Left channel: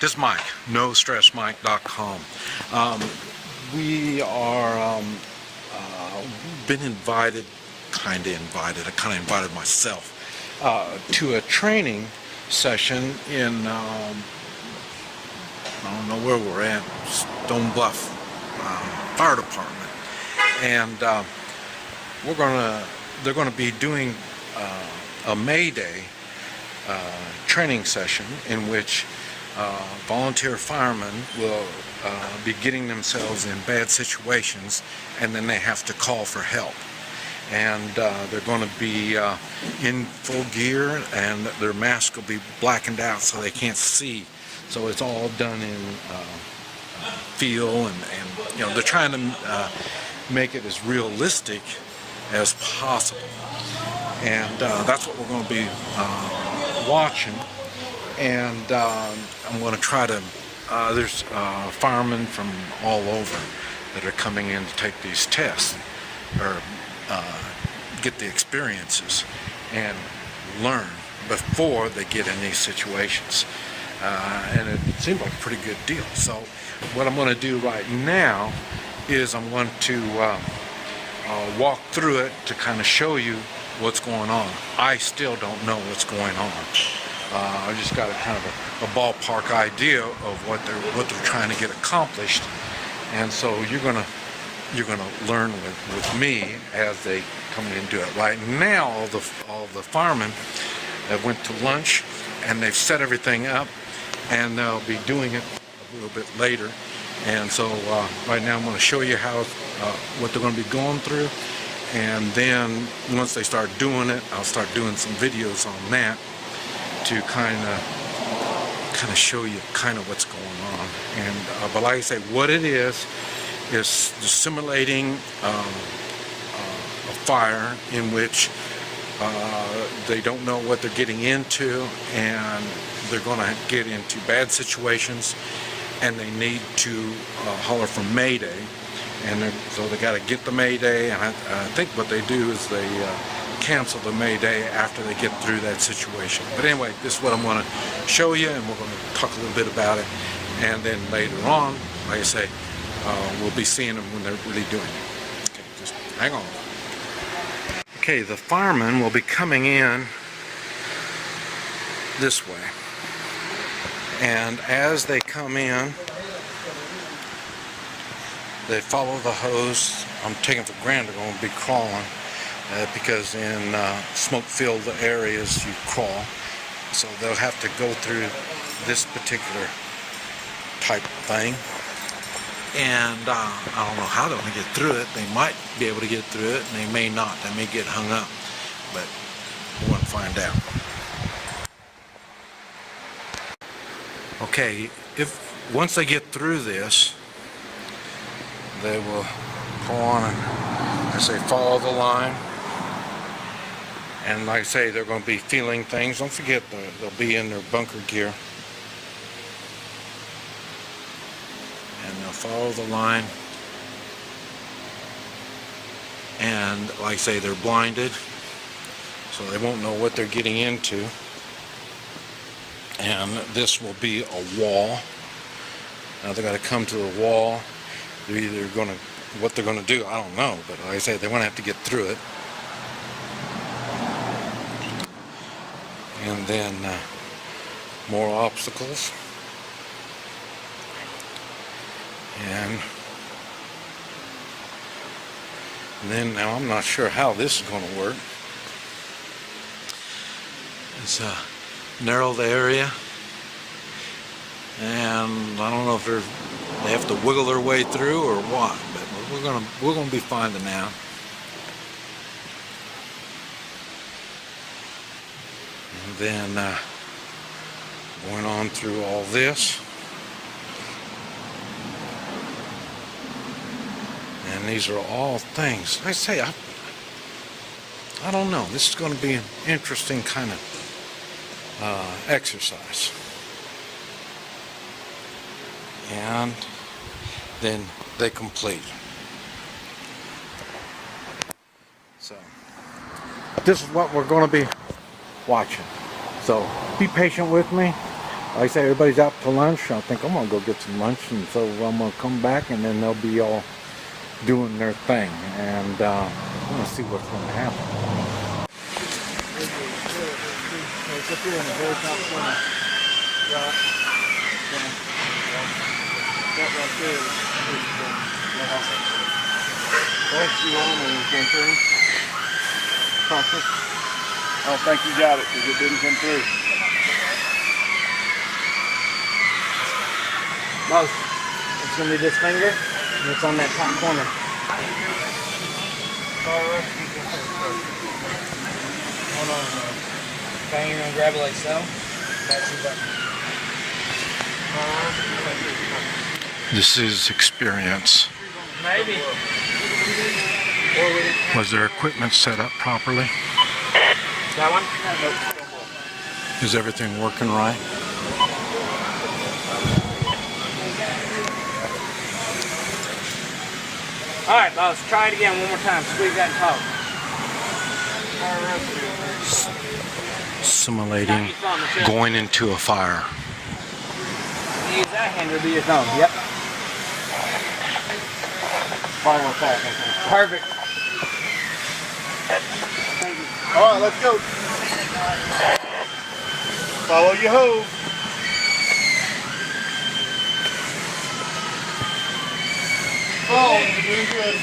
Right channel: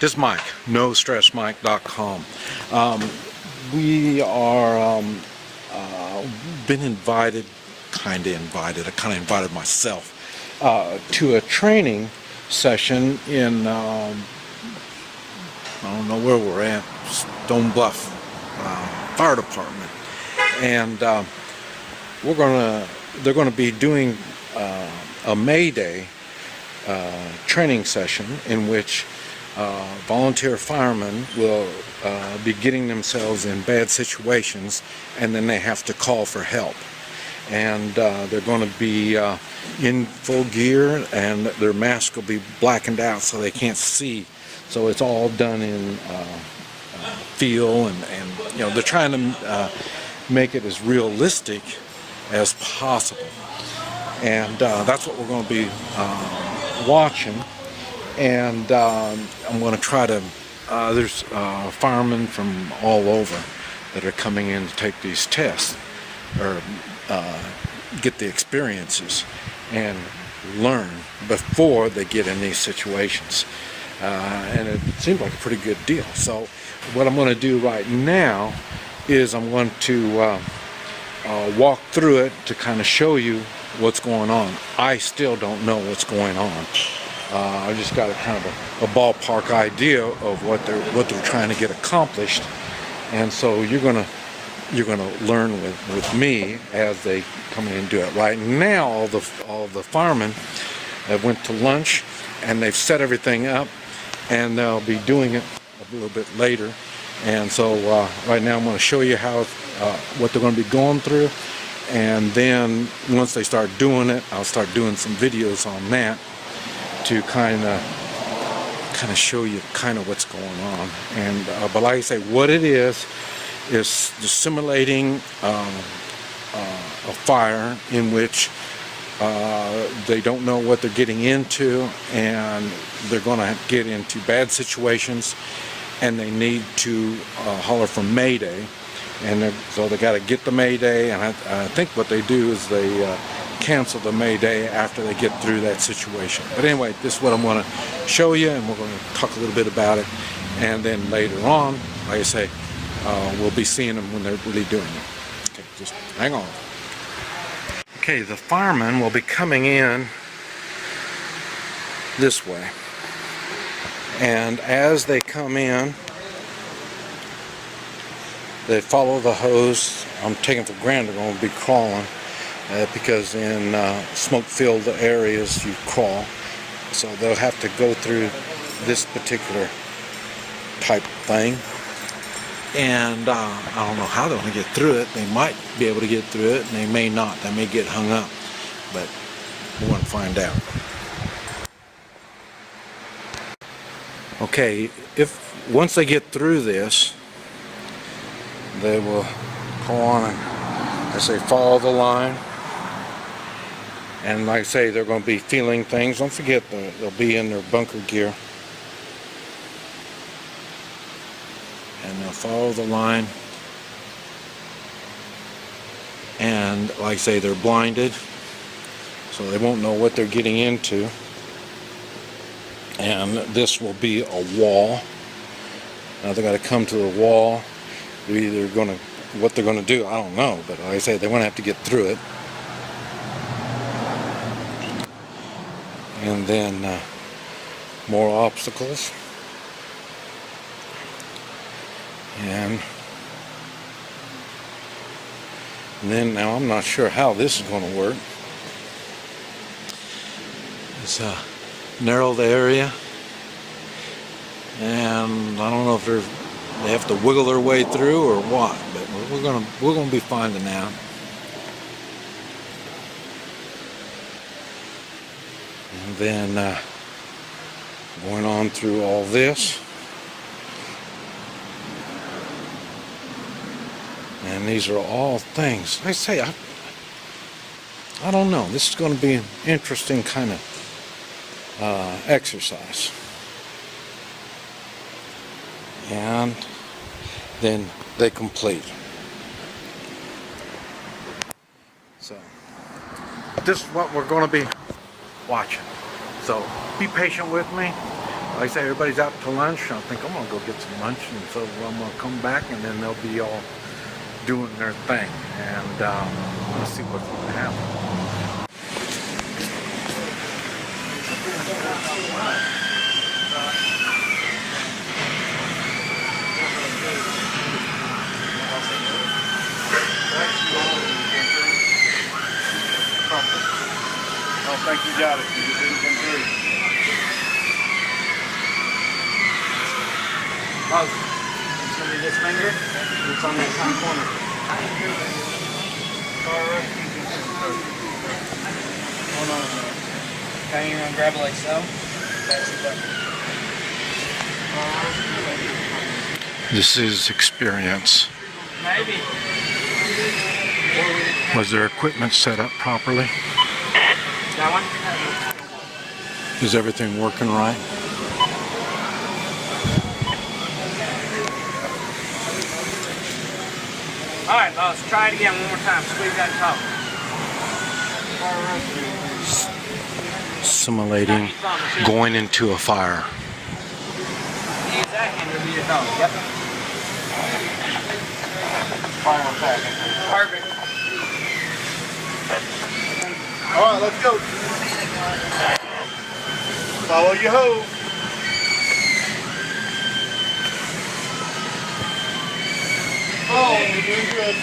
This is Mike, NoStressMike.com. We are been invited, I kind of invited myself to a training session in I don't know where we're at, Stone Bluff Fire Department, and they're gonna be doing a Mayday training session in which volunteer firemen will be getting themselves in bad situations, and then they have to call for help. And they're going to be in full gear, and their mask will be blackened out so they can't see. So it's all done in feel, and you know, they're trying to make it as realistic as possible. And that's what we're going to be watching. And I'm going to try to, there's firemen from all over that are coming in to take these tests, or get the experiences and learn before they get in these situations. And it seems like a pretty good deal. So what I'm going to do right now is I'm going to walk through it to kind of show you what's going on. I still don't know what's going on. I just got a kind of a ballpark idea of what they're trying to get accomplished, and so you're gonna learn with me as they come in and do it. Right now, all the firemen have went to lunch, and they've set everything up, and they'll be doing it a little bit later. And so right now, I'm going to show you how what they're going to be going through, and then once they start doing it, I'll start doing some videos on that to kind of show you kind of what's going on. And but like I say, what it is simulating a fire in which they don't know what they're getting into, and they're going to get into bad situations, and they need to holler for Mayday. And so they got to get the Mayday, and I think what they do is they cancel the Mayday after they get through that situation. But anyway, this is what I'm going to show you, and we're going to talk a little bit about it. And then later on, like I say, we'll be seeing them when they're really doing it. Okay, just hang on. Okay, the firemen will be coming in this way. And as they come in, they follow the hose. I'm taking for granted they're going to be crawling. Because in smoke-filled areas you crawl, so they'll have to go through this particular type thing, and I don't know how they're going to get through it. They might be able to get through it, and they may not. They may get hung up, but we're going to find out. Okay, once they get through this, they will go on and, I say, follow the line. And like I say, they're going to be feeling things. Don't forget, they'll be in their bunker gear. And they'll follow the line. And like I say, they're blinded, so they won't know what they're getting into. And this will be a wall. Now they're going to come to the wall. What they're going to do, I don't know. But like I say, they're going to have to get through it. And then more obstacles, and then now I'm not sure how this is going to work. It's a narrowed area, and I don't know if they have to wiggle their way through or what, but we're gonna be finding out. And then going on through all this, and these are all things. I say, I don't know. This is going to be an interesting kind of exercise. And then they complete. So this is what we're going to be watching. So be patient with me. like I say, everybody's out to lunch. I think I'm gonna go get some lunch, and so I'm gonna come back, and then they'll be all doing their thing, and I'm gonna see what's gonna happen. I don't think you got it because it didn't come through. Moses, it's going to be this finger, and it's on that top corner. Hold on a minute. Okay, you're going to grab it like so. That's the button. This is experience. Maybe. Was their equipment set up properly? That one? Is everything working right? Alright, boss, try it again one more time. Squeeze that and talk. Simulating going into a fire. Use that hand, it'll be your thumb. Yep. Final attack. Perfect. Alright, let's go. Follow your hose. Oh, you're doing good.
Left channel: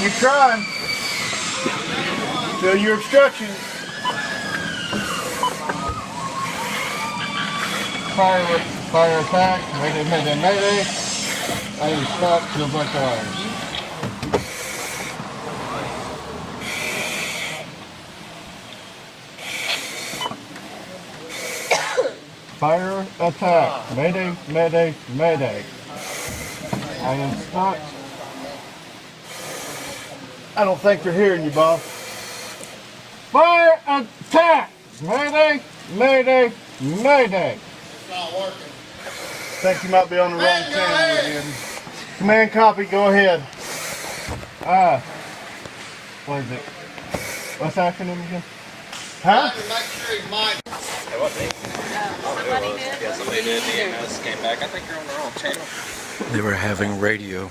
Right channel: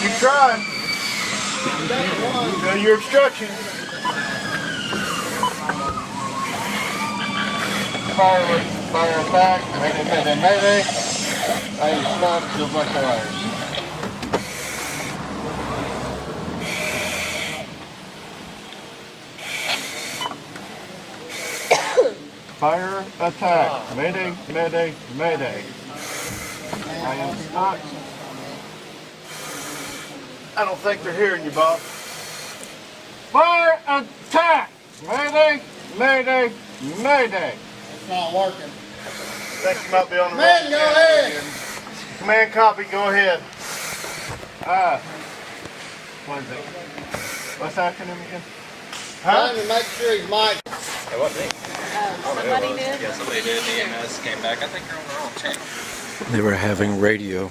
Keep trying. Fill your obstruction. Fire attack. Mayday. I am stuck to a bunch of wires. Fire attack. Mayday. I am stuck. I don't think they're hearing you, boss. Fire attack! Mayday. It's not working. Think you might be on the wrong channel again. Command copy, go ahead. What is it? What's the acronym again? Huh? Trying to make sure he's mic. They were having radio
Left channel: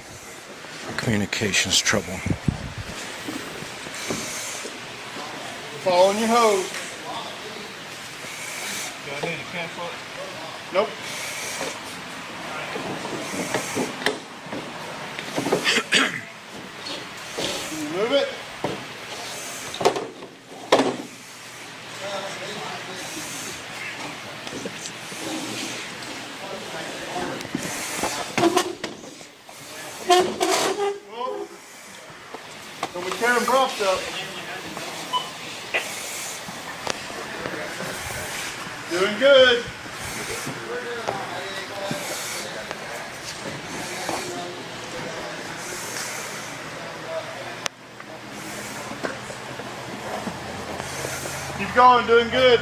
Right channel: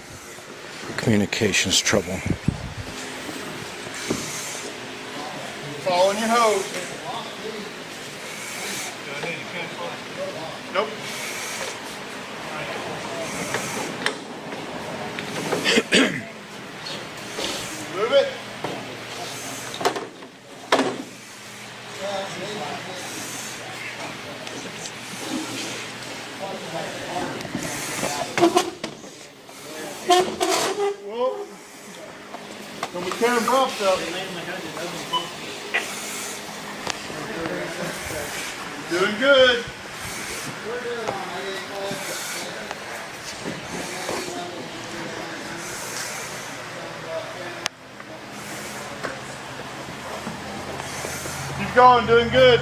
communications trouble. Following your hose. Do I need to cancel it? Nope. Move it. Whoa. Don't be tearing props up. Doing good. Keep going, doing good.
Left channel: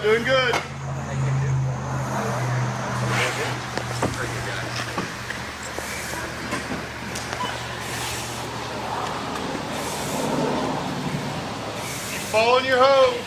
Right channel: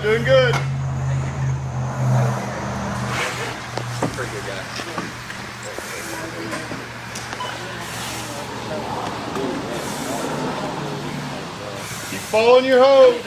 Keep following your hose.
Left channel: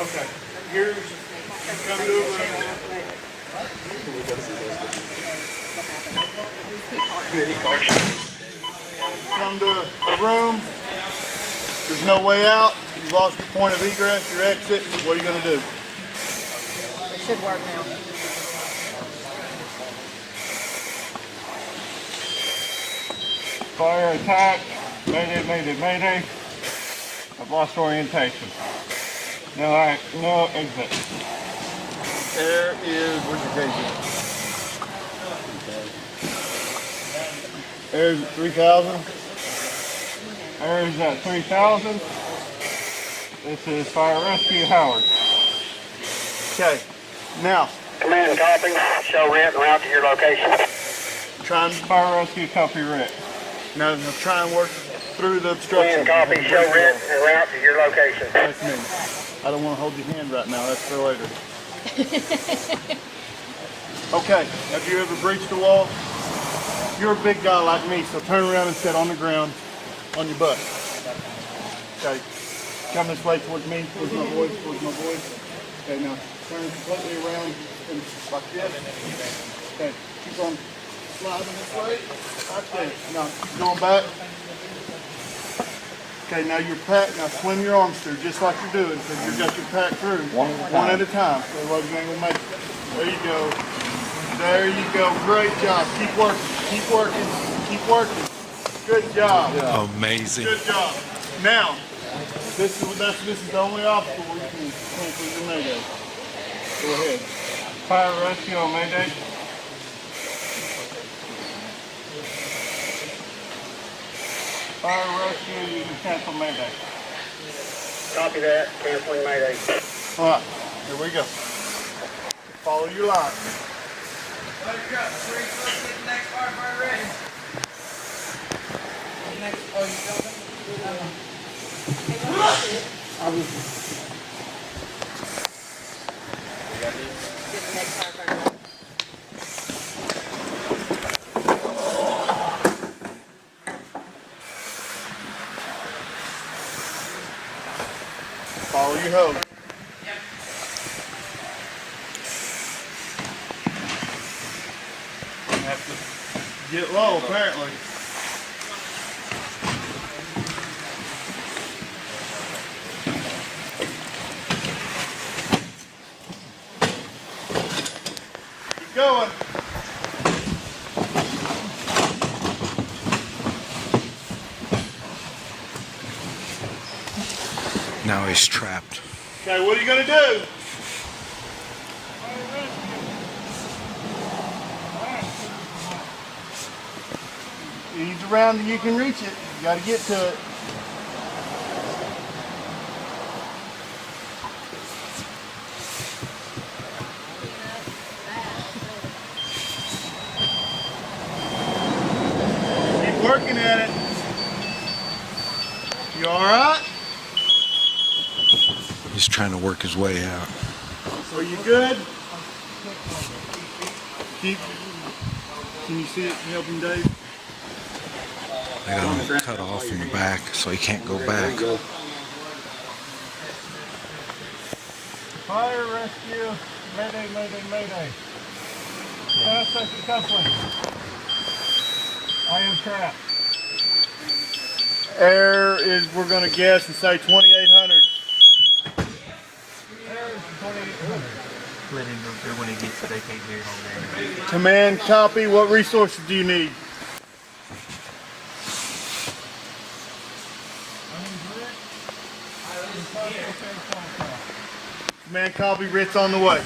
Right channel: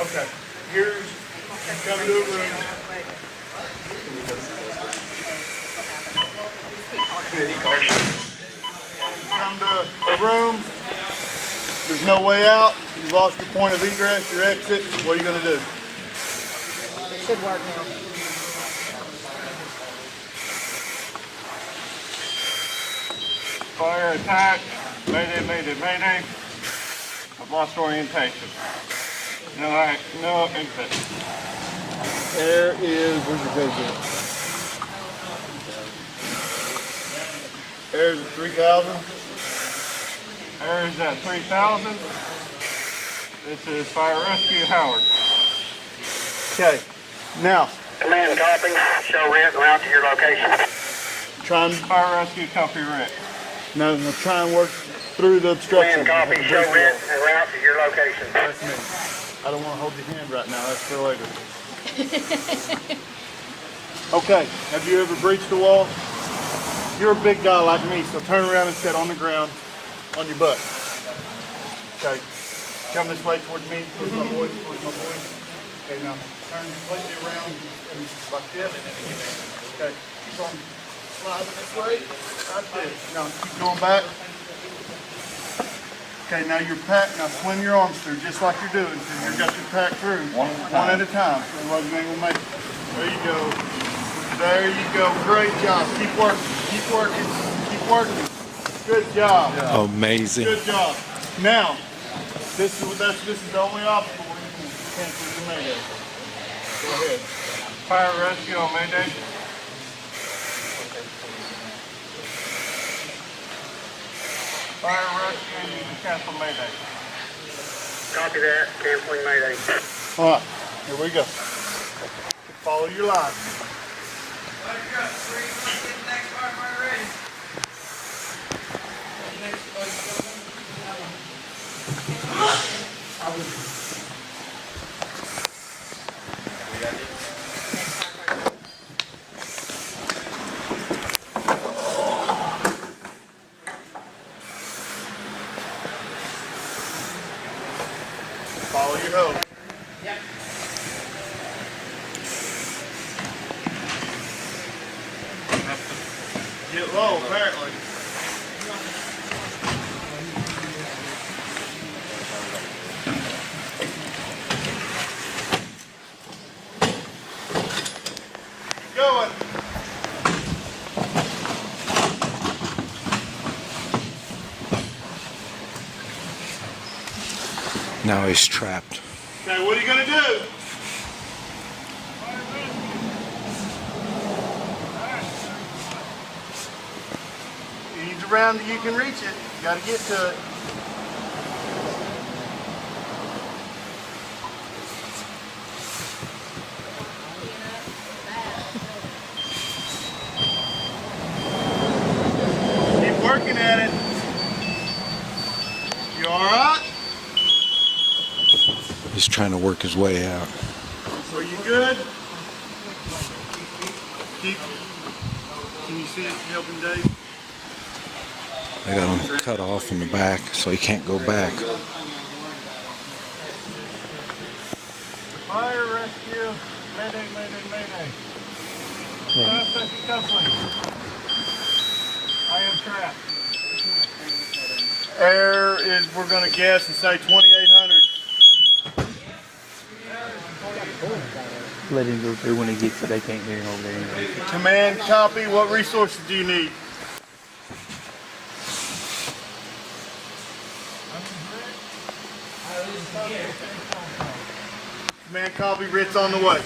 Okay, here's, come to a room. Come to a room. There's no way out. You've lost your point of egress, your exit. What are you going to do? It should work now. Fire attack. Mayday. lost orientation. No exit. Air is, where's your gauge at? Air is at 3,000. Air is at 3,000. This is Fire Rescue Howard. Okay, now, Command copy. Show Rent and route to your location. try and, Fire Rescue Copy Rick. no, try and work through the obstruction. Command copy. of the Show break Rent wall. and route to your location. That's me. I don't want to hold your hand right now. That's for later. Okay, have you ever breached the wall? You're a big guy like me, so turn around and sit on the ground on your butt. Okay, come this way towards me, towards my boys, towards my boys. Okay, now turn completely around and like this. Okay, keep on sliding this way. Right there. Now keep going back. Okay, now your pack, now swim your arms through just like you're doing, because you've got your pack through one at a time. Otherwise you ain't gonna make it. There you go. There you go. Great job. Keep working. Keep working. Keep working. Good job. Amazing. Good job. Now, this is the only obstacle where you can cancel your Mayday. Go ahead. Fire Rescue on Mayday. Fire Rescue, you can cancel Mayday. Copy that. Canceling Mayday. All right, here we go. Follow your line. Follow your hose. Get low, apparently. Keep going. Now he's trapped. Okay, what are you going to do? Ease around till you can reach it. You got to get to it. Keep working at it. You all right? He's trying to work his way out. Are you good? Keep. Can you see it? Can you help him, Dave? I got him cut off in the back, so he can't go back. Fire Rescue. Mayday, Mayday, Mayday. Fire Rescue Coupling. I am trapped. Air is, we're going to guess and say 2,800. Let him go through when he gets it. They can't hear him over there. Command, copy. What resources do you need? Command, copy. Rit's on the way.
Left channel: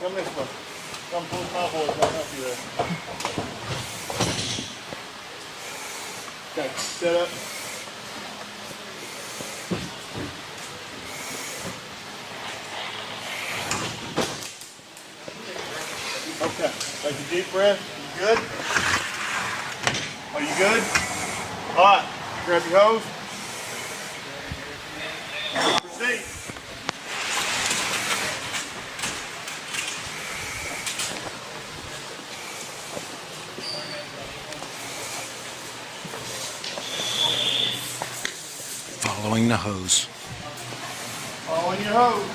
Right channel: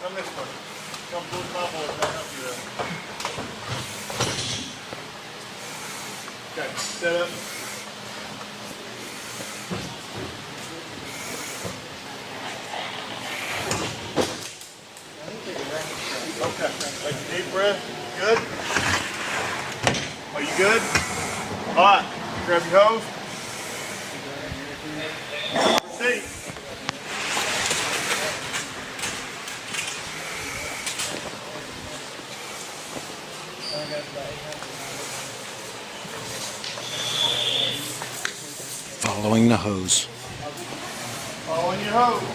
Come this way. Come towards my boys. I'll help you there. Okay, set up. Okay, take a deep breath. Good? Are you good? All right, grab your hose. Proceed. Following the hose. Following your hose.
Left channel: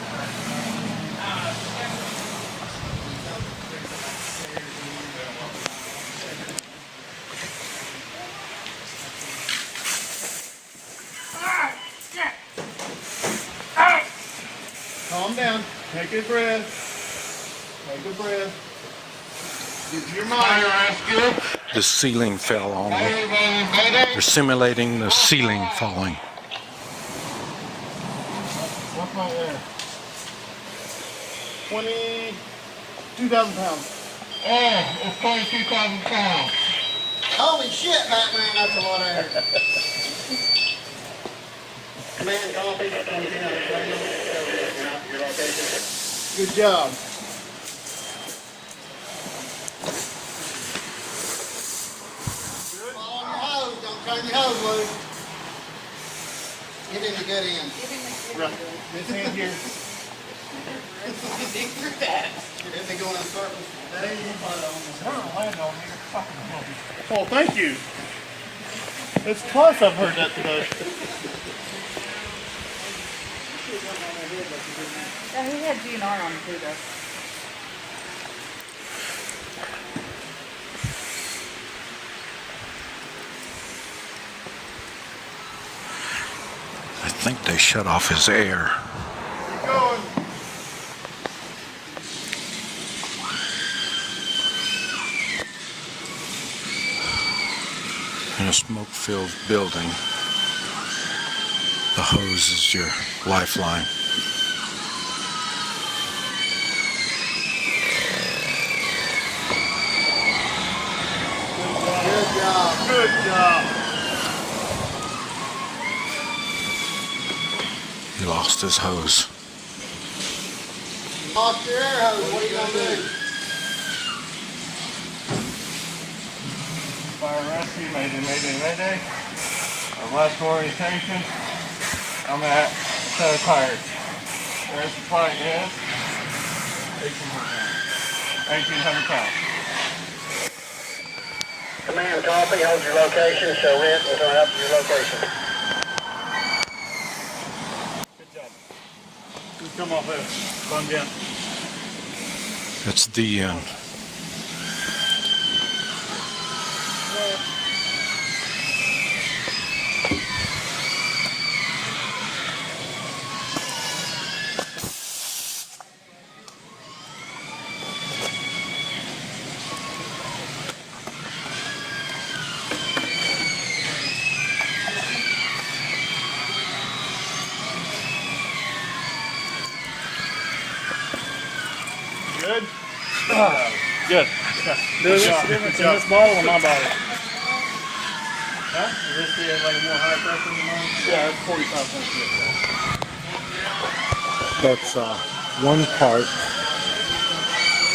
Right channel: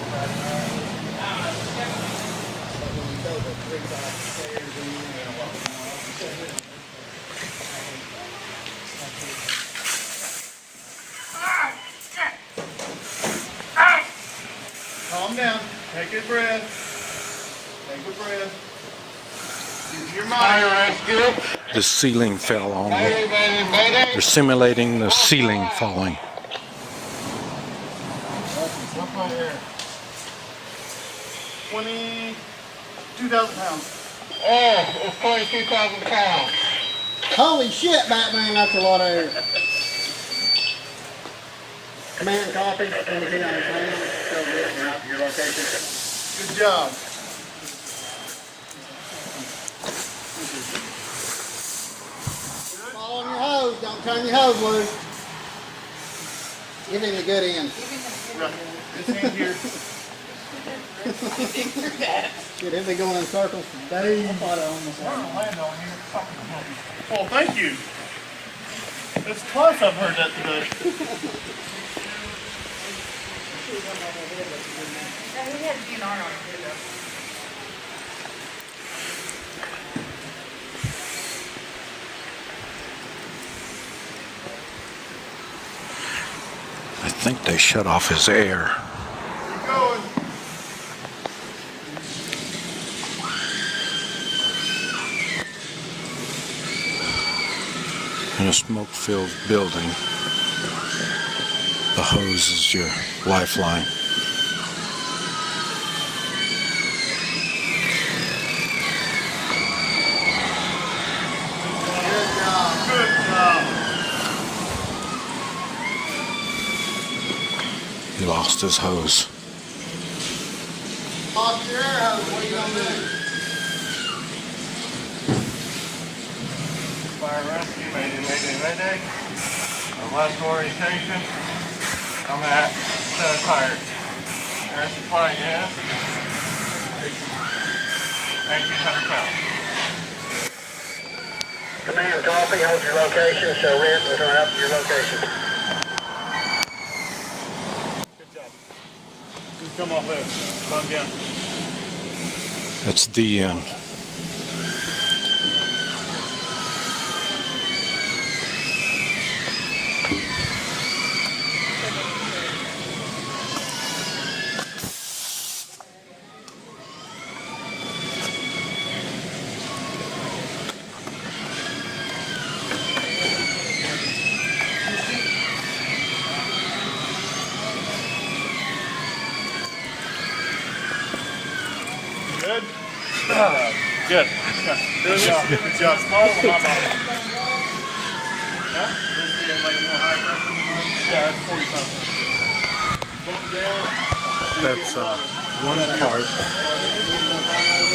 Calm down. Take a breath. Take a breath. Get your mind right. Get up. The ceiling fell on them. Mayday, mayday, mayday. They're simulating the ceiling falling. What's my air? 22,000 pounds. Oh, it's 22,000 pounds. Holy shit, Batman, that's a lot of air. Command copy. Anything on the plane? Show written route to your location. Good job. Fall on your hose, don't turn your hose loose. Give him the good end. Right. This hand here. Get him to go in circles. Oh, thank you. It's twice I've heard that today. Yeah, he had DNR on the table. I think they shut off his air. Keep going. In a smoke-filled building, the hose is your lifeline. Good job. Good job. He lost his hose. Lost your air hose, what are you gonna do? Fire rescue, mayday, mayday, mayday. Last orientation, I'm at set of tires. Air supply is 1,800 pounds. Command copy. Hold your location. Show red and turn up to your location. Good job. You come off there. Bung down. That's the end. Good? Good. Good job. Good job. Small on my bottle. Huh? Is this like a more high pressure than mine? Yeah, it's 45 That's one part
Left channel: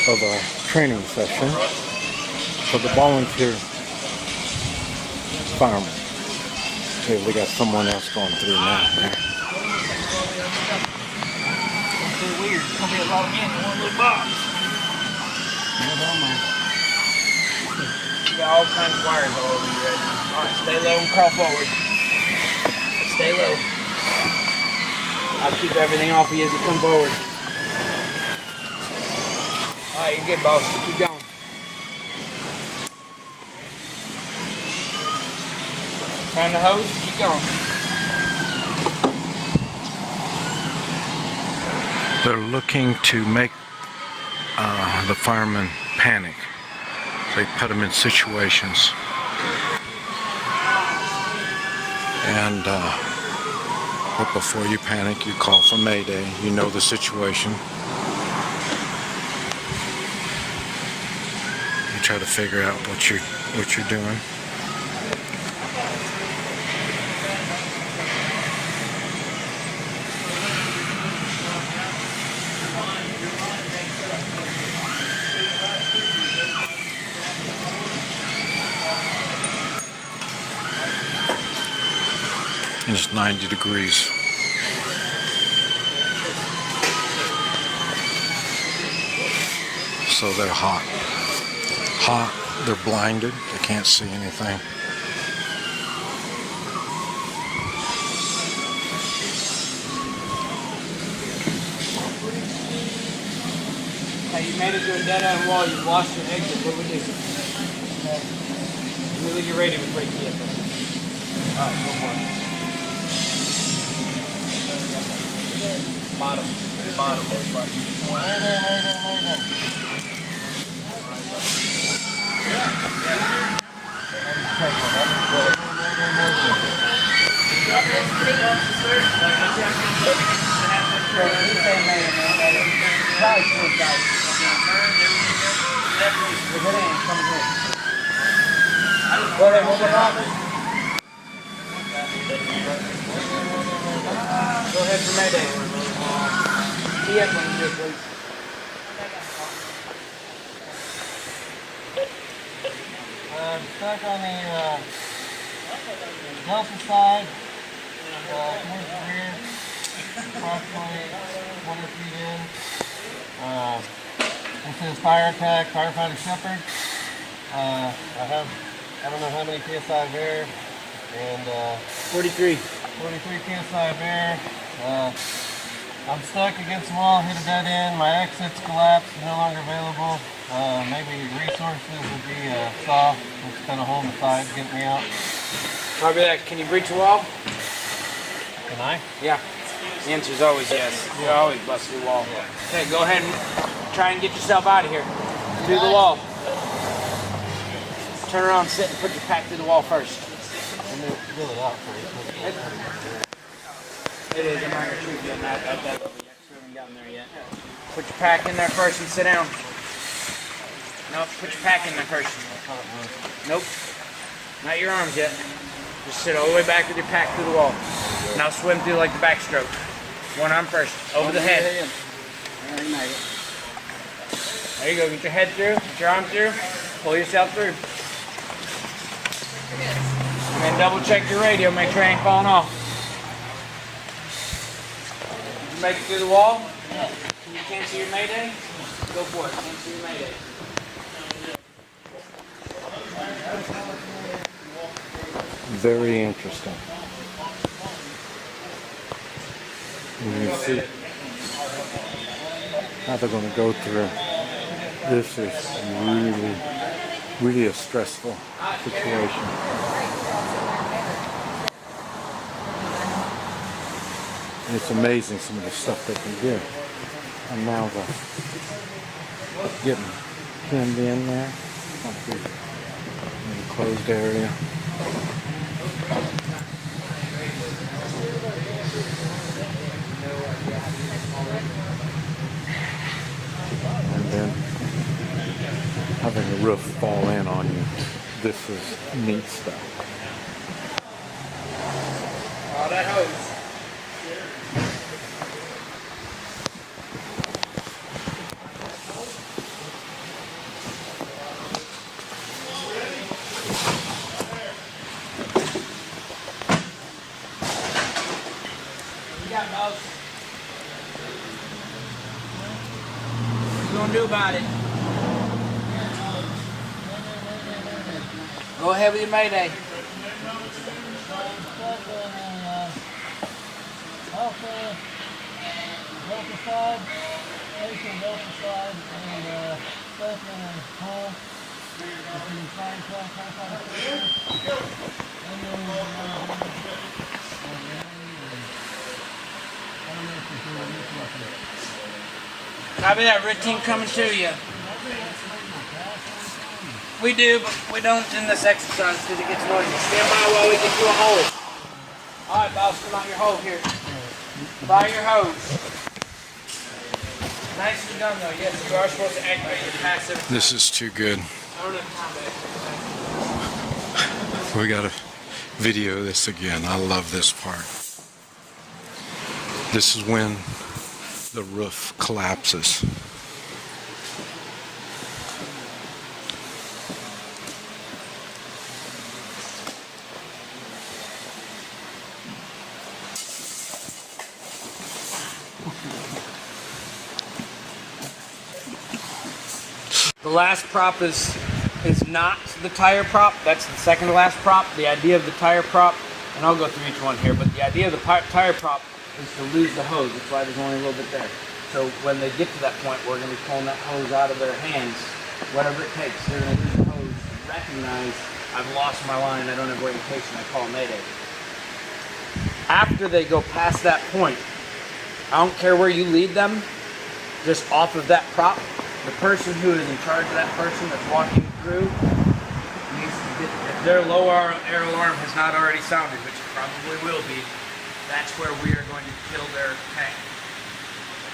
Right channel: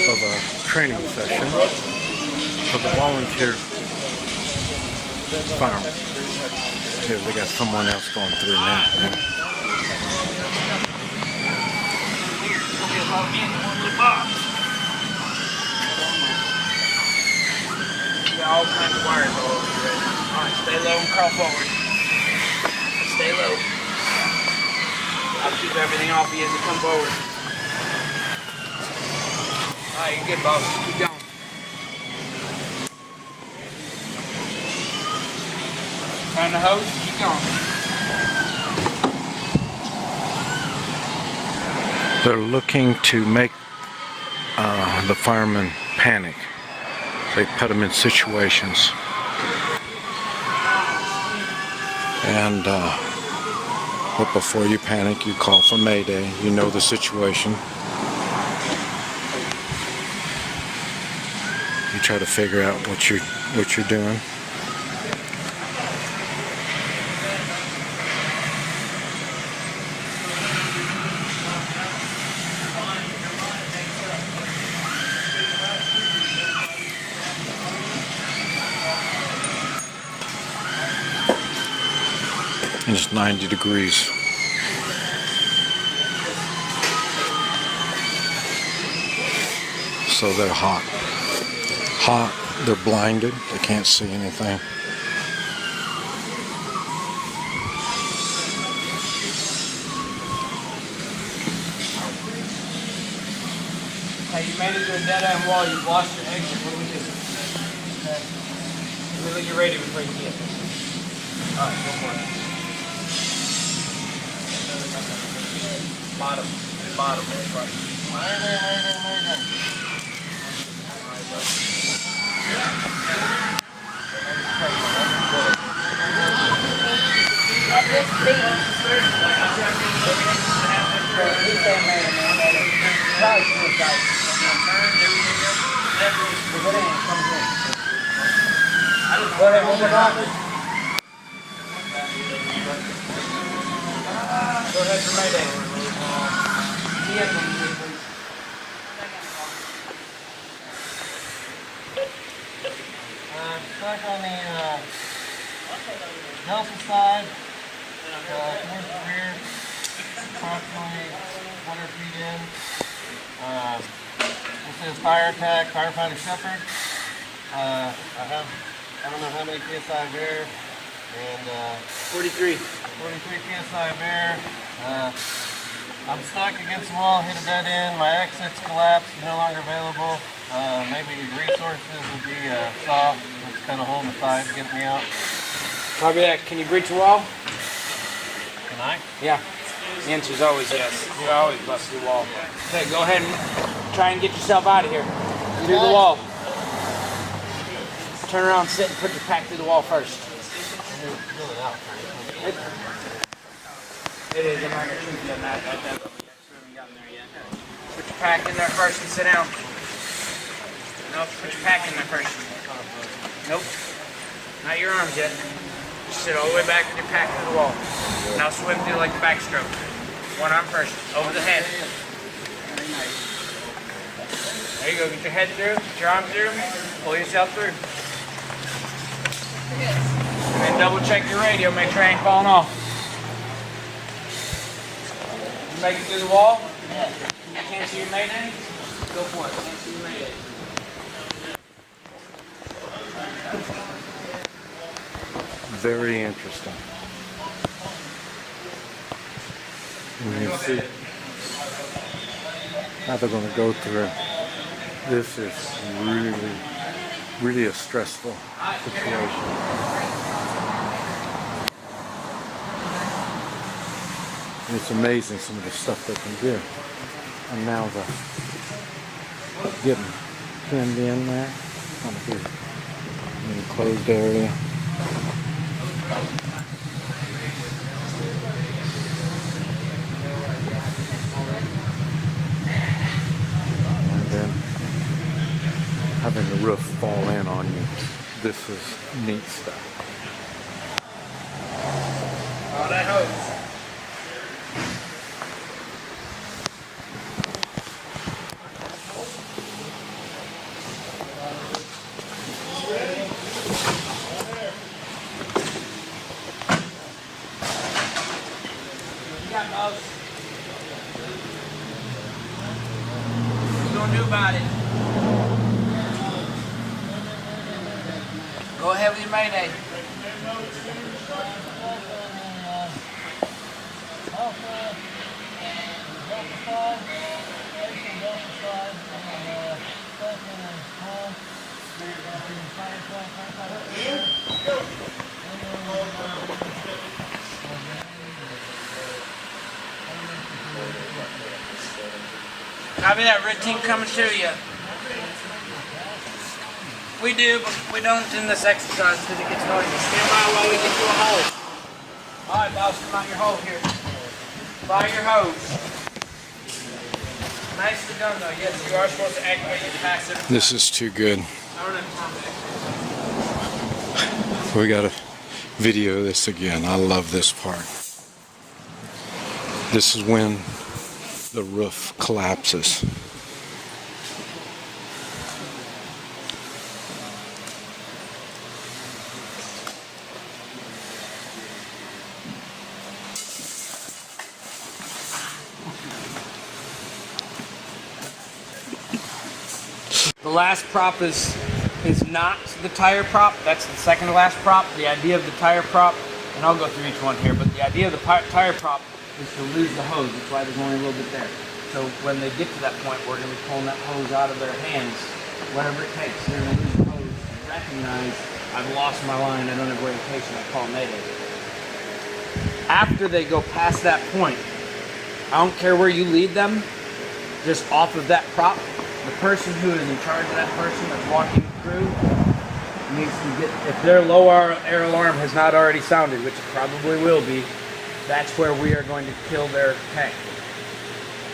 of a training session for the volunteer firemen. Here, we got someone else going through now. Yeah. You got all kinds of wires all over you right now. Alright, stay low and crawl forward. Stay low. I'll keep everything off of you as you come forward. Alright, you're good, boss. Keep going. Find the hose, keep going. They're looking to make the firemen panic. They put them in situations. And but before you panic, you call for Mayday. You know the situation. You try to figure out what you're doing. And it's 90 degrees. So they're hot. Hot, they're blinded, they can't see anything. Hey, you made it to a dead-end wall. You've lost your exit. What do we do? Okay. Really, you're ready to break the vehicle. Alright, go for it. Bottom. Bottom. Mayday, mayday, mayday. Go ahead, one more time. Go ahead for Mayday. TS when you do it, please. Stuck on the Delta side, towards the rear, approximately 1 or 2 in. This is fire attack, firefighter shepherd. I don't know how many PSI of air, and 43. 43 PSI of air. I'm stuck against the wall, hit a dead end, my exit's collapsed, no longer available. Maybe resources would be a saw, that's kind of holding the side, get me out. Copy that. Can you breach the wall? Can I? Yeah. The answer is always yes. You always bust through the wall. Okay, go ahead and try and get yourself out of here. Through the wall. Turn around, sit, and put your pack through the wall first. I'm going to fill it out first. It is. I'm not going to shoot you on that level yet. We haven't gotten there yet. Put your pack in there first and sit down. Nope, put your pack in there first. Nope. Not your arms yet. Just sit all the way back with your pack through the wall. Now swim through like the backstroke. One arm first. Over the head. There you go. Get your head through. Get your arm through. Pull yourself through. And double check your radio. Make sure I ain't falling off. You make it through the wall? Yeah. You can't see your Mayday? Go for it. Can't see your Mayday. Very interesting. And you see how they're going to go through. This is really a stressful situation. And it's amazing some of the stuff they can do. And now they're getting pinned in there. It's going to be an enclosed area. And then having the roof fall in on you. This is neat stuff. Oh, that hose. What you gonna do about it? Go ahead with your Mayday. Copy that. Red team coming to you. We do, but we don't in this exercise because it gets noisy. Stand by while we get to a hole. Alright, boss, come out your hole here. By your hose. Nicely done though. Yes, you are supposed to activate your passive. This is too good. I don't have time to activate. We gotta video this again. I love this part. This is when the roof collapses. The last prop is not the tire prop. That's the second to last prop. The idea of the tire prop, and I'll go through each one here, but the idea of the tire prop is to lose the hose. That's why there's only a little bit there. So when they get to that point, we're going to be pulling that hose out of their hands, whatever it takes. They're going to lose the hose and recognize, I've lost my line, I don't have orientation, I call Mayday. After they go past that point, I don't care where you lead them, just off of that prop, the person who is in charge of that person that's walking through needs to get, if their low air alarm has not already sounded, which it probably will be, that's where we are going to kill their tank.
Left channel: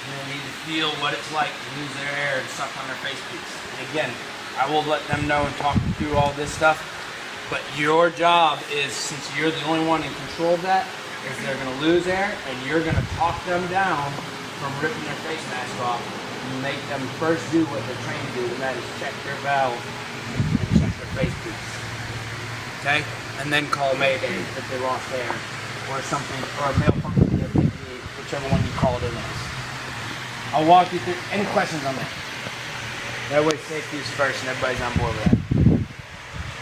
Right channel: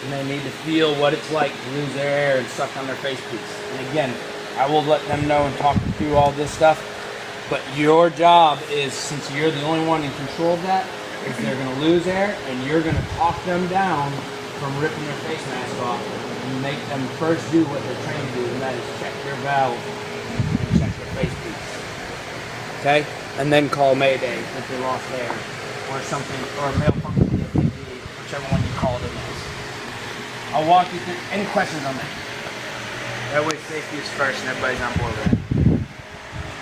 And they need to feel what it's like to lose their air and suck on their face piece. And again, I will let them know and talk them through all this stuff. But your job is, since you're the only one in control of that, is they're going to lose air, and you're going to talk them down from ripping their face mask off and make them first do what they're trained to do, and that is check their valve and check their face piece. Okay? And then call Mayday if they lost air, or something, or a malfunction in the PPE, whichever one you call it in as. I'll walk you through. Any questions on that? That way safety is first and everybody's on board with that.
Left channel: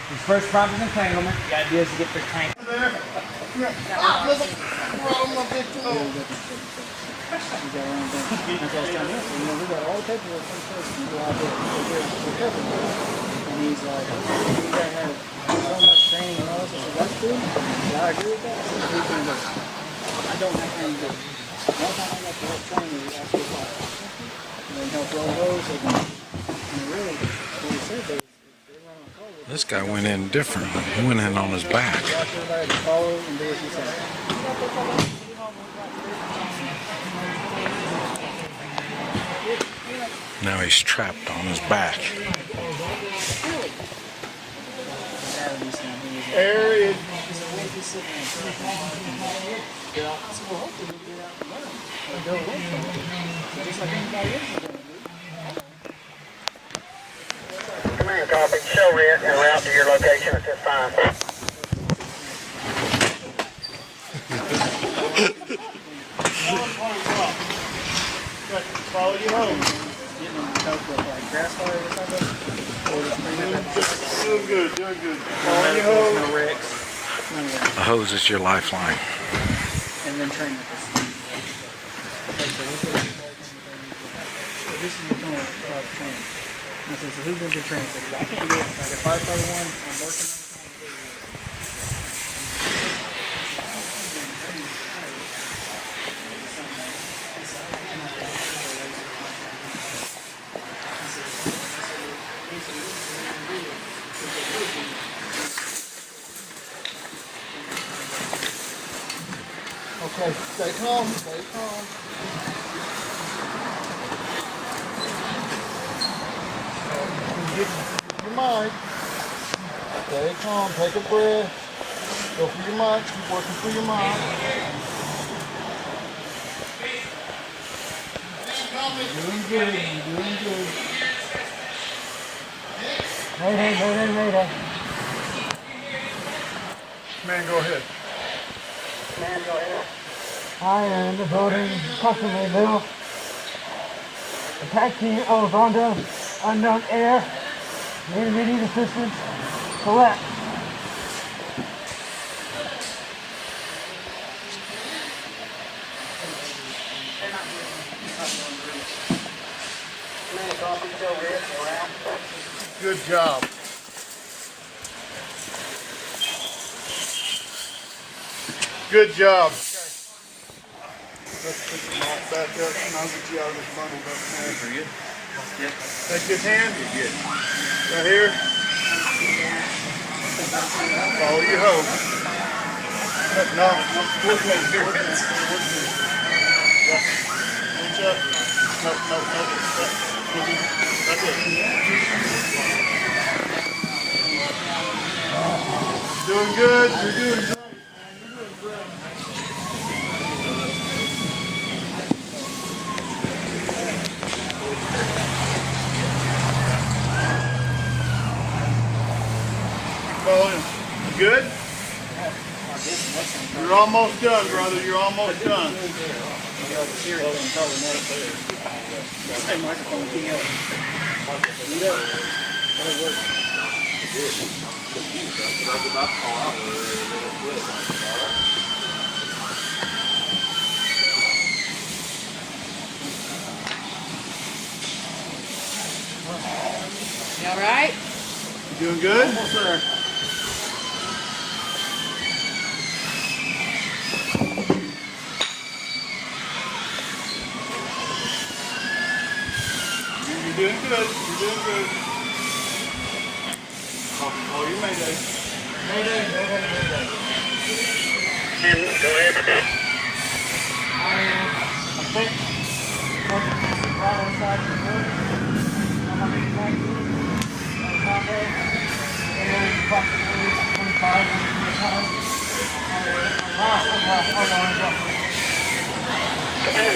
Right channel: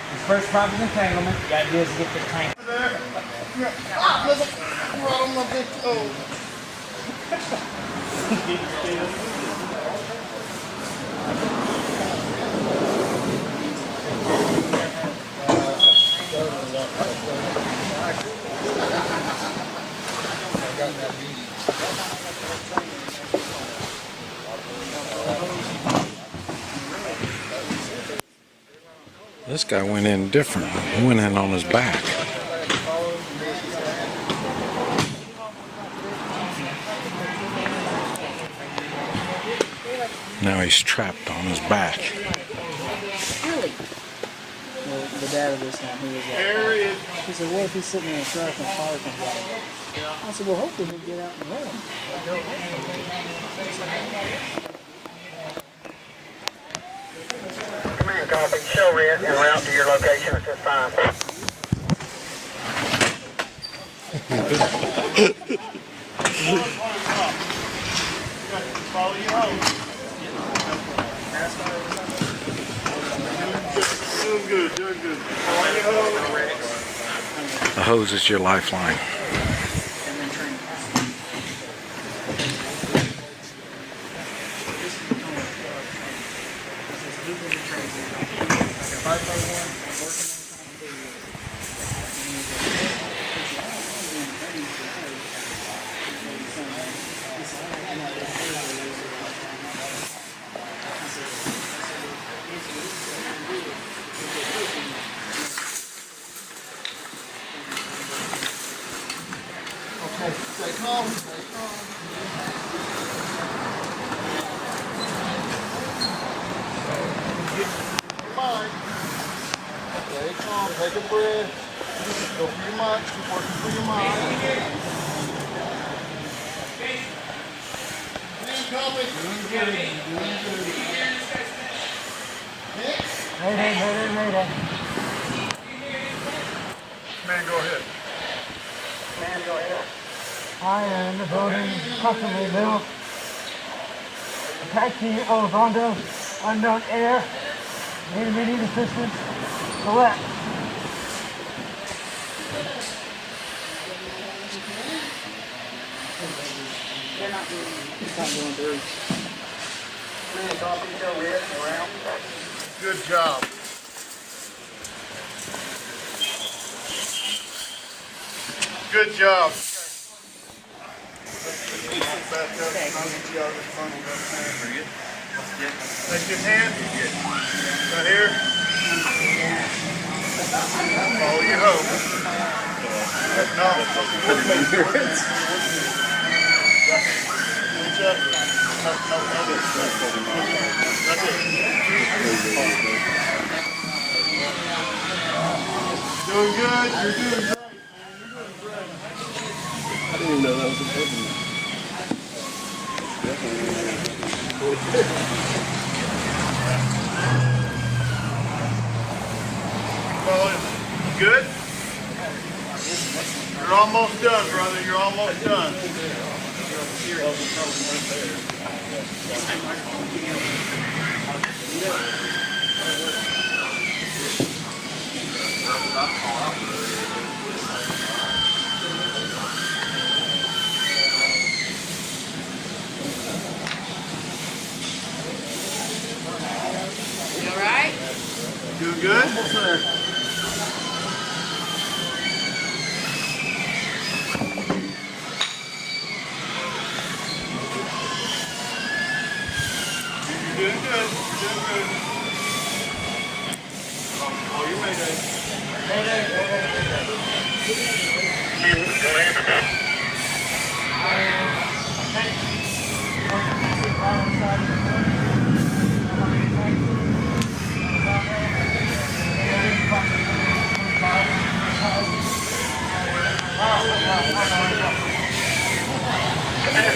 His first prop is entanglement. The idea is to get the tank. This guy went in different. He went in on his back. Now he's trapped on his back. Air is. He said, what if he's sitting there and fire comes out? I said, well, hopefully he'll get out and run. Or go away from him. Just like anybody else. Command copy. Show red and route to your location at this time. Follow you home. Doing good, doing good. Follow you home. The hose is your lifeline. And then turn. This is the tunnel training. He says, who's going to be trained? I can't do it. Like a 5x1, I'm working on okay, stay calm, stay calm. Get your mind. Stay calm, take a breath. Go for your mind, keep working for your mind. Doing good, you're doing good. Mayday. Man, go ahead. I am devoting customary bill. Attaching of unknown air. Need assistance. Correct. Good job. Good job. Let's put the mop back up and I'll get you out of this bundle back there. That's good hand? Right here? Follow you home. No, with me. Reach up. No. That's it. Doing good. You're doing great. Follow him. You good? You're almost done, brother. You're almost done. You all right? Doing good? Almost there. You're doing good. Call you Mayday. Go ahead.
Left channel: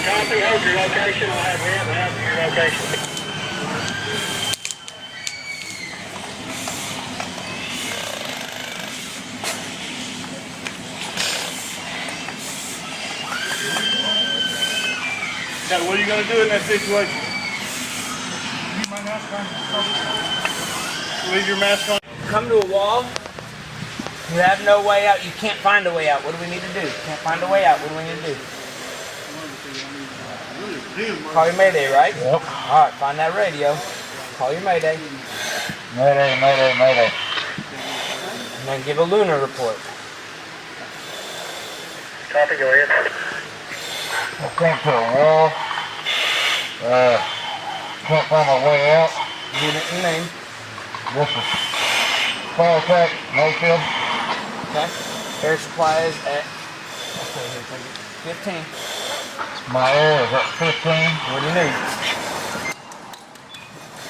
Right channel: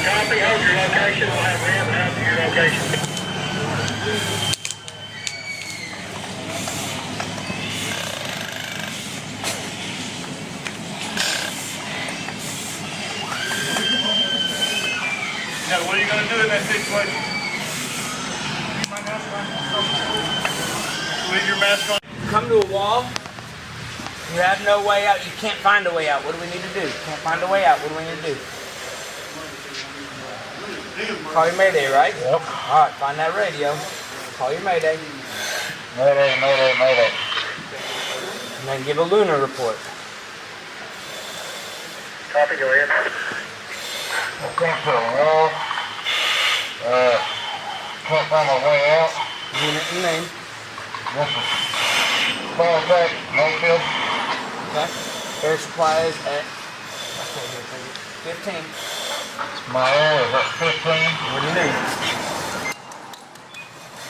Copy, hold your location. We'll have Red out to your location. Now, what are you going to do in that situation? Leave your mask on. Come to a wall. You have no way out. You can't find a way out. What do we need to do? Can't find a way out. What do we need to do? Call your Mayday, right? Yep. All right, find that radio. Call your Mayday. Mayday, mayday, mayday. And then give a lunar report. Copy, go ahead. I think so. Well, can't find my way out. Unit and name. This is fire attack, Mayfield. Okay. Air supply is at 15. My air is at 15. What do you need?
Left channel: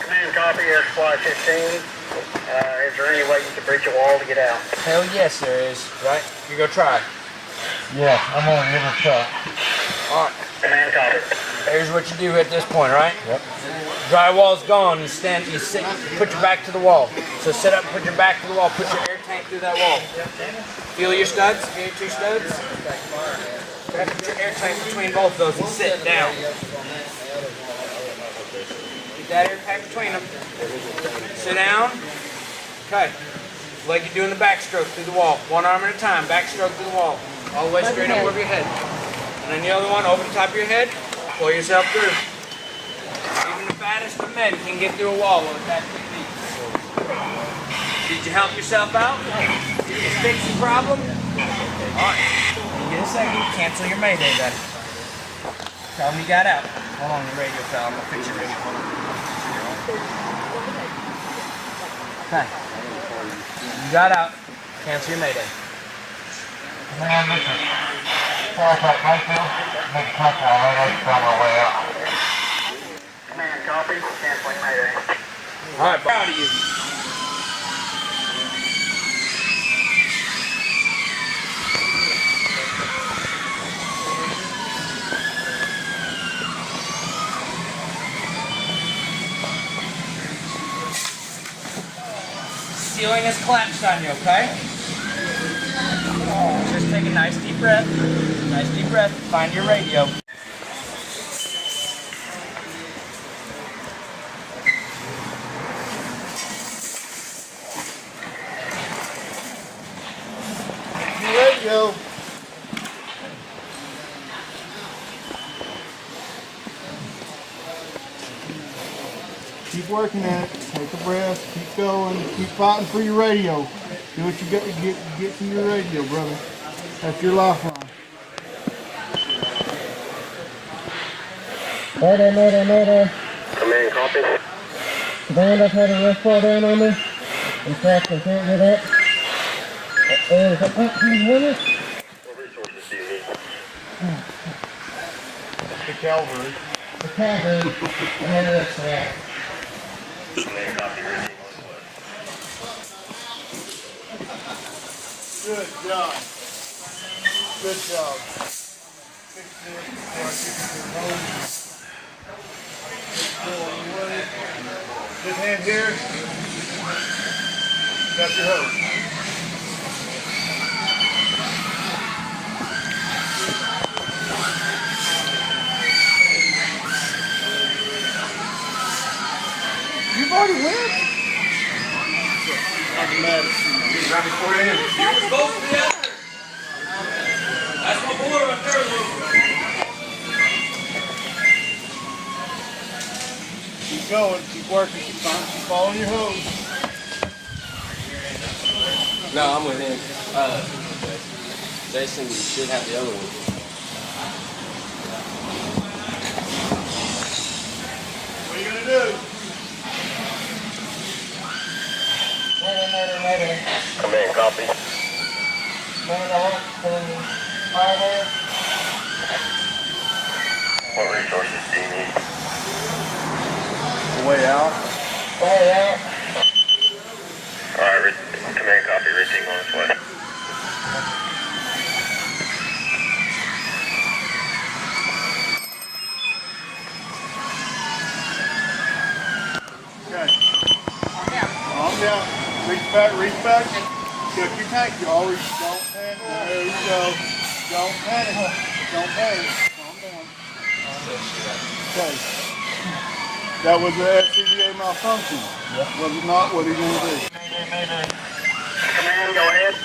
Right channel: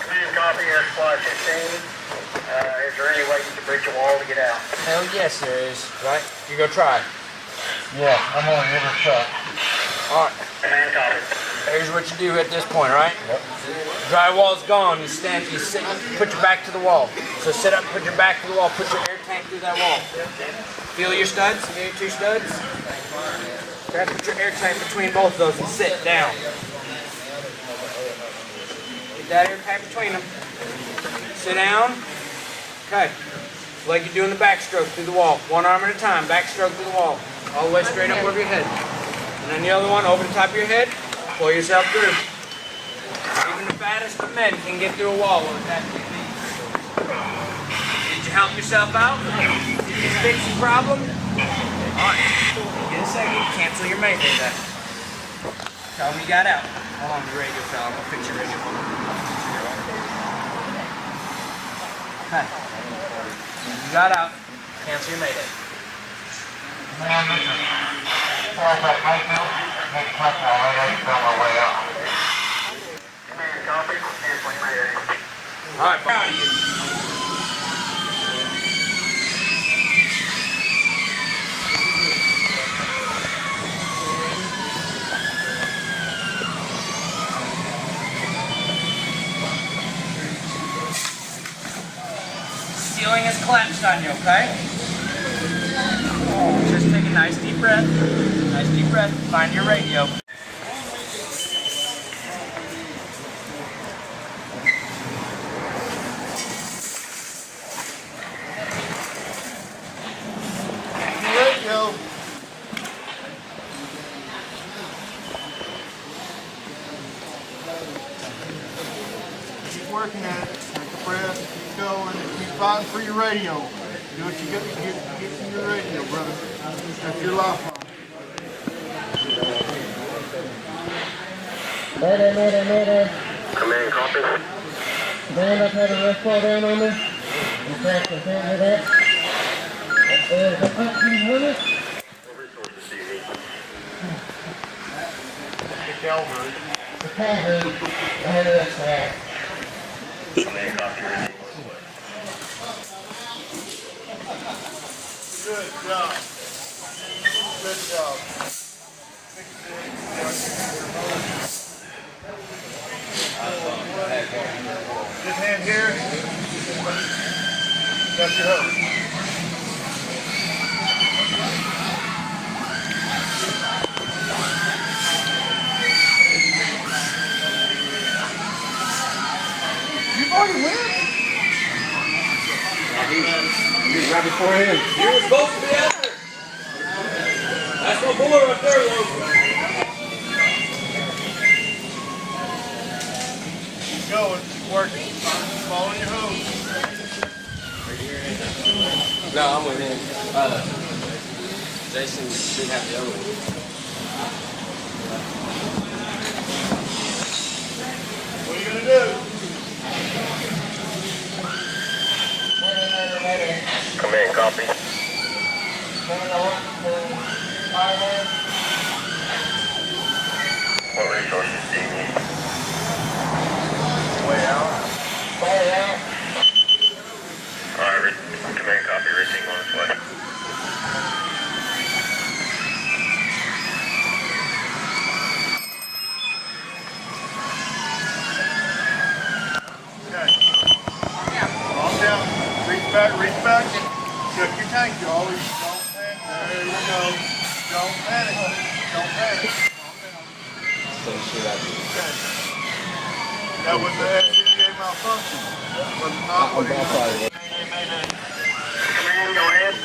Command copy, air supply 15. Is there any way you can breach a wall to get out? Hell yes, there is. Right? You go try. Yeah, I'm gonna give it a shot. All right. Command copy. Here's what you do at this point, right? Yep. Drywall's gone. You stand. You sit. Put your back to the wall. So sit up. Put your back to the wall. Put your air tank through that wall. Feel your studs. Feel your two studs. Okay. Put your air tank between both of those and sit down. Get that air tank between them. Sit down. Okay. Like you're doing the backstroke through the wall. One arm at a time. Backstroke through the wall. All the way straight up over your head. And then the other one over the top of your head. Pull yourself through. Even the fattest of men can get through a wall with that technique. Did you help yourself out? Did you fix the problem? Alright. Get a second. Cancel your Mayday then. Tell them you got out. Hold on, the radio fell. I'm going to fix your radio. Okay. You got out. Cancel your Mayday. Man, this is fire attack, Mayfield. Make a touchdown, I gotta find my way out. Command copy, canceling Mayday. Alright, proud of you. Ceiling is collapsed on you, okay? Just take a nice deep breath. Nice deep breath. Find your radio. Radio. Keep working at it. Take a breath. Keep going. Keep fighting for your radio. Do what you got to get to your radio, brother. That's your lifeline. Mayday, mayday, mayday. Command copy. Band, I've had a rough fall down on me. In fact, I can't get up. Is it up? Can you hear me? What resources do you need? The cavalry. The cavalry. Oh, that's right. Command copy. Good job. Good job. This hand here. Got your hose. You've already win. Right before him. You were supposed to be out there. That's my boy right there, though. Keep going. Keep working. Keep following your hose. No, I'm with him. Jason should have the other one. What are you going to do? Mayday, mayday, mayday. Command copy. Band, I want to Fireman. What resources do you need? Way out. Way out. Alright, command copy, red team on its way. Calm down. Reach back, reach back. Check your tank. You always don't panic. There you go. Don't panic. Don't panic. Calm down. Okay. That was the FCBA malfunction. Was it not? What are you going to do? Command, go ahead.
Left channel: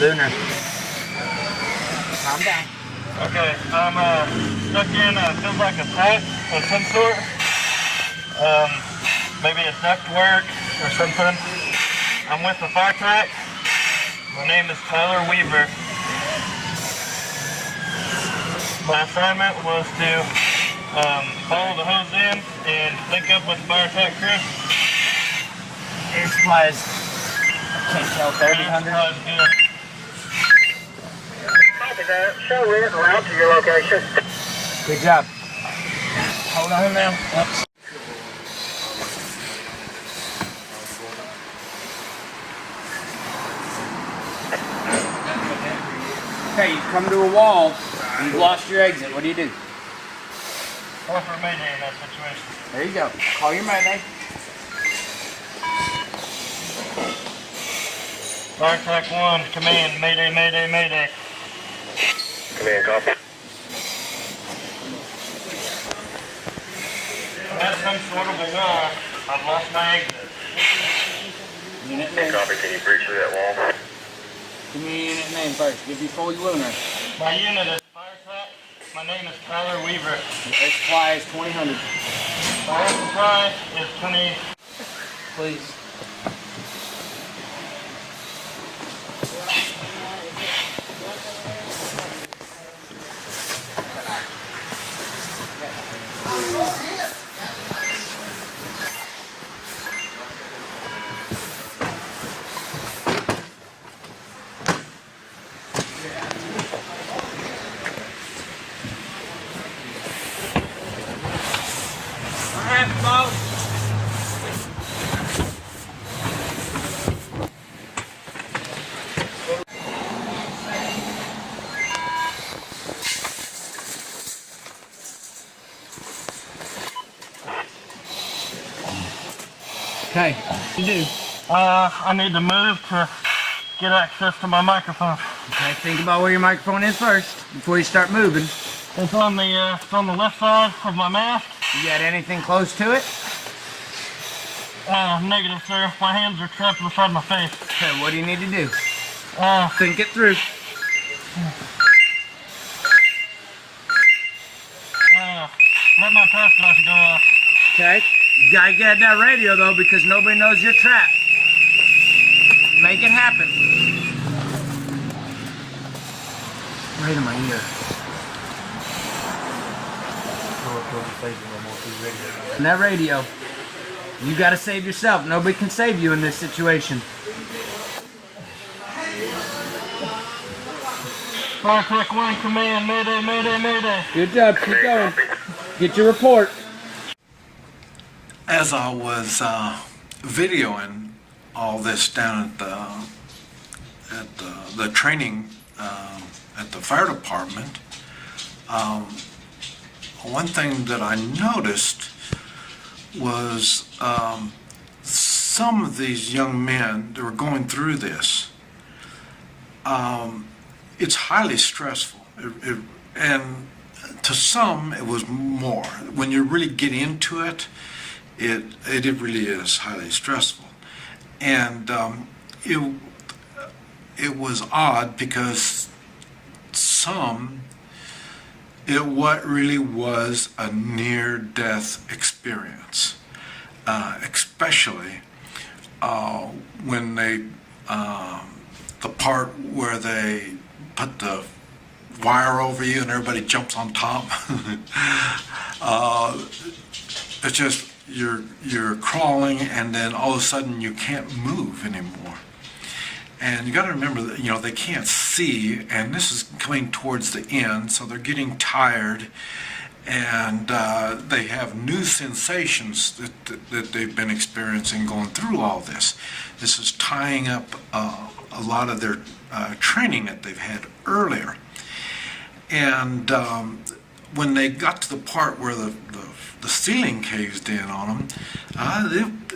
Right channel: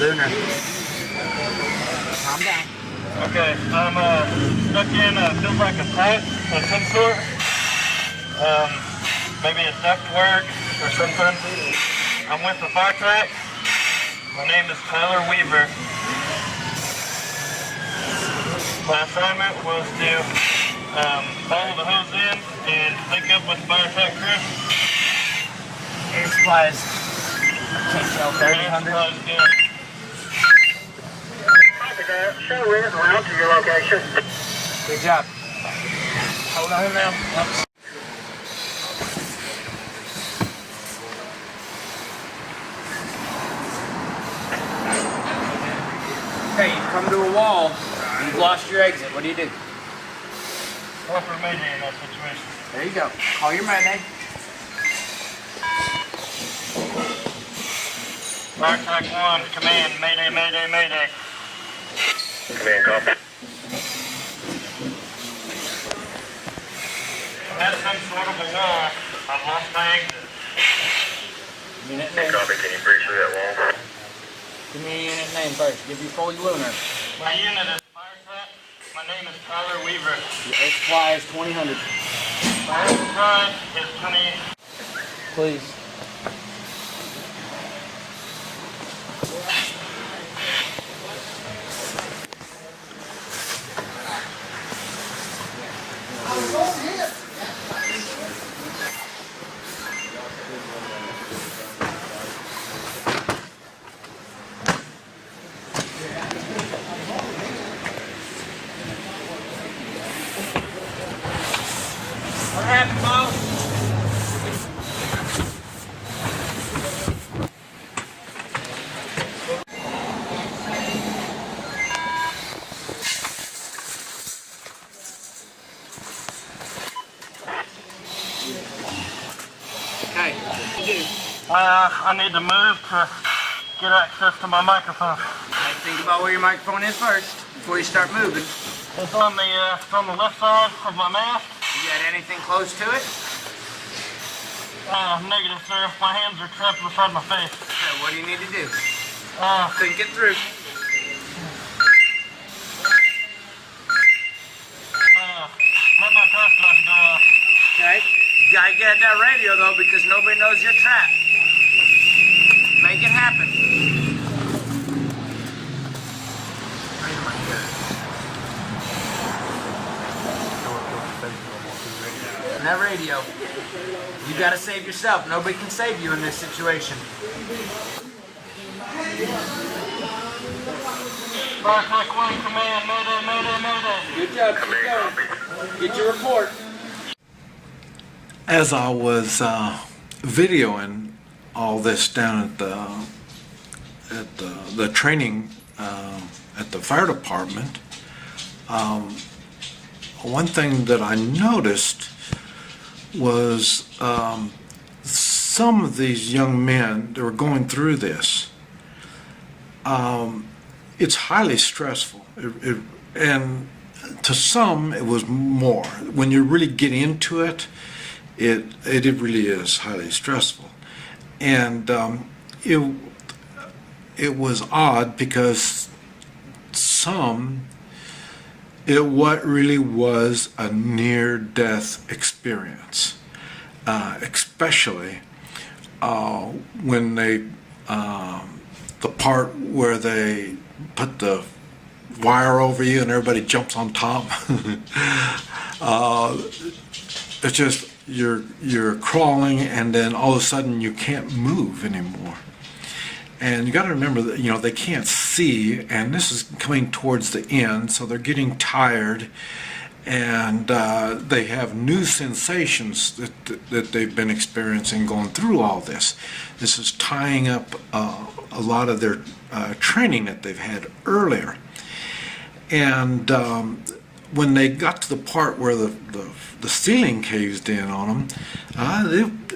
Lunar. Calm down. Okay, I'm stuck in feels like a pipe of some sort. Maybe a duct work or something. I'm with the fire truck. My name is Tyler Weaver. My assignment was to follow the hose in and link up with the fire truck crew. Air supplies. I can't tell, 3000. Copy that. Show red route to your location. Good job. Hold on now. Oops. Okay, you've come to a wall. You've lost your exit. What do you do? Call for a Mayday in that situation. There you go. Call your Mayday. Fire truck 1, command, Mayday, Mayday, Mayday. Command, copy. That's some sort of a gun. I've lost my exit. Unit name. Copy, can you breach through that wall? Give me your unit name first. Give you full lunar. My unit is fire truck. My name is Tyler Weaver. Your air supply is 2000. My air supply is 20. Please. What happened, boss? Okay, what do you do? I need to move to get access to my microphone. Okay, think about where your microphone is first before you start moving. It's on the left side of my mask. You got anything close to it? Negative, sir. My hands are trapped beside my face. Okay, what do you need to do? Think it through. Let my pass light go off. Okay. You gotta get that radio though because nobody knows you're trapped. Make it happen. Wait a minute. And that radio. You gotta save yourself. Nobody can save you in this situation. Fire truck 1, command, Mayday, Mayday, Mayday. Good job. Keep going. Get your report. As I was videoing all this down at the training at the fire department, one thing that I noticed was some of these young men that were going through this. It's highly stressful, and to some it was more. When you really get into it, it really is highly stressful, and it was odd because what really was a near-death experience, especially when the part where they put the wire over you and everybody jumps on top. It's just you're crawling and then all of a sudden you can't move anymore. And you got to remember that, you know, they can't see, and this is coming towards the end, so they're getting tired, and they have new sensations that they've been experiencing going through all this. This is tying up a lot of their training that they've had earlier. And when they got to the part where the ceiling caved in on them,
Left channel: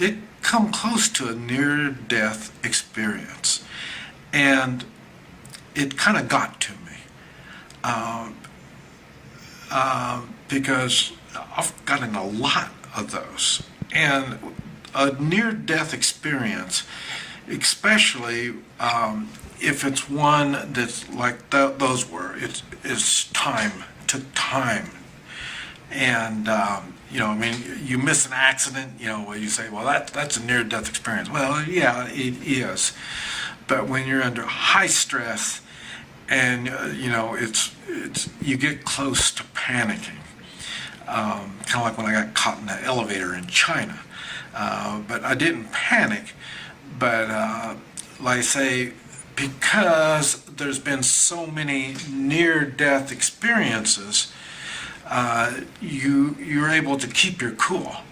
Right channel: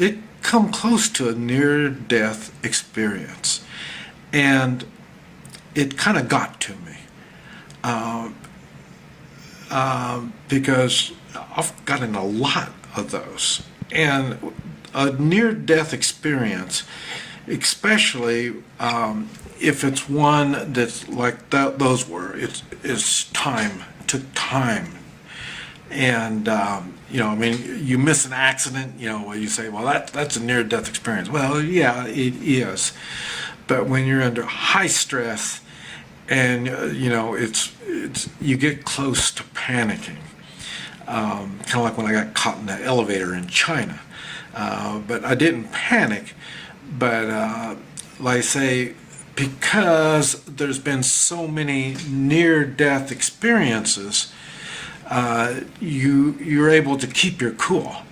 it come close to a near-death experience, and it kind of got to me because I've gotten a lot of those, and a near-death experience, especially if it's one that's like those were, it's time, took time. And, you know, I mean, you miss an accident, you know, where you say, well, that's a near-death experience. Well, yeah, it is. But when you're under high stress and, you know, it's you get close to panicking. Kind of like when I got caught in that elevator in China. But I didn't panic. But, like I say, because there's been so many near-death experiences, you're able to keep your cool.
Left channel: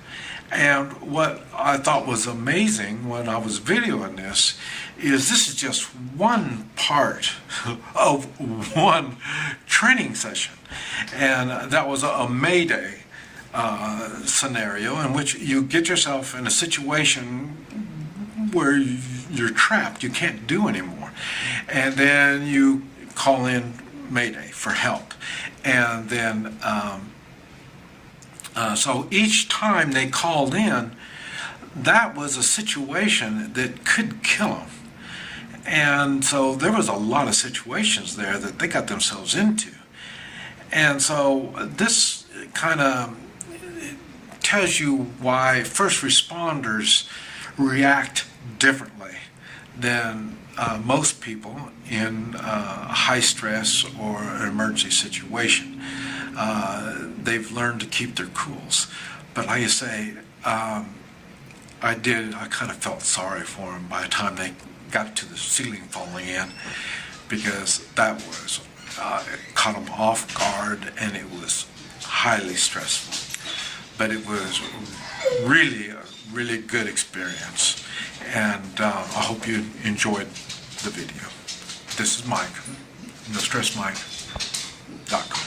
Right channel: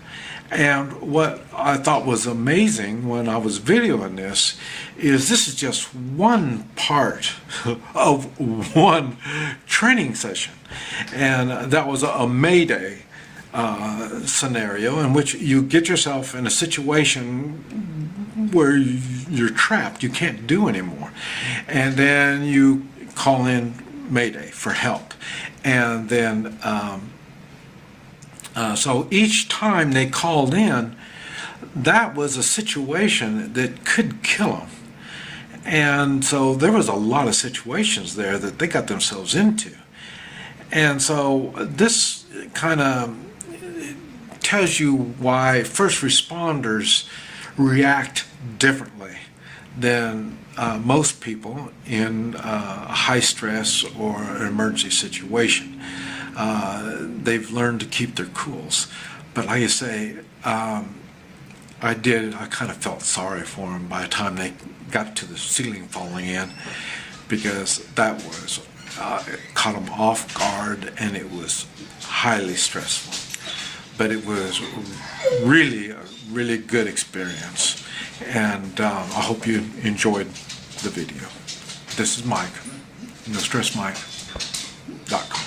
And what I thought was amazing when I was videoing this is just one part of one training session. And that was a Mayday scenario in which you get yourself in a situation where you're trapped, you can't do anymore. And then you call in Mayday for help. And then, so each time they called in, that was a situation that could kill them. And so there was a lot of situations there that they got themselves into. And so this kind of tells you why first responders react differently than most people in a high stress or an emergency situation. They've learned to keep their cools. But like I say, I kind of felt sorry for them by the time they got to the ceiling falling in, because that was, caught them off guard, and it was highly stressful. But it was really a really good experience. And I hope you enjoyed the video. This is Mike, NoStressMike.com.